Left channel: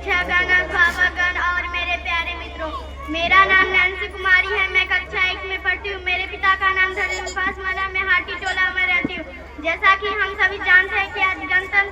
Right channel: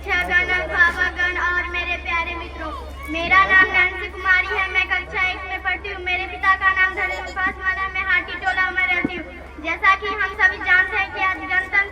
शिक्षागण, अध्यापकगण और मेरे प्यारे मित्रों, मेरा नाम नैन्सी कुमारी है। मैं कक्षा 1 में पढ़ती हूँ। मेरे पिता का नाम धर्मपाल माला, मैं हाटी टोला में रहती हूँ। जैसा कि हम सभी जानते हैं कि आज गणतंत्र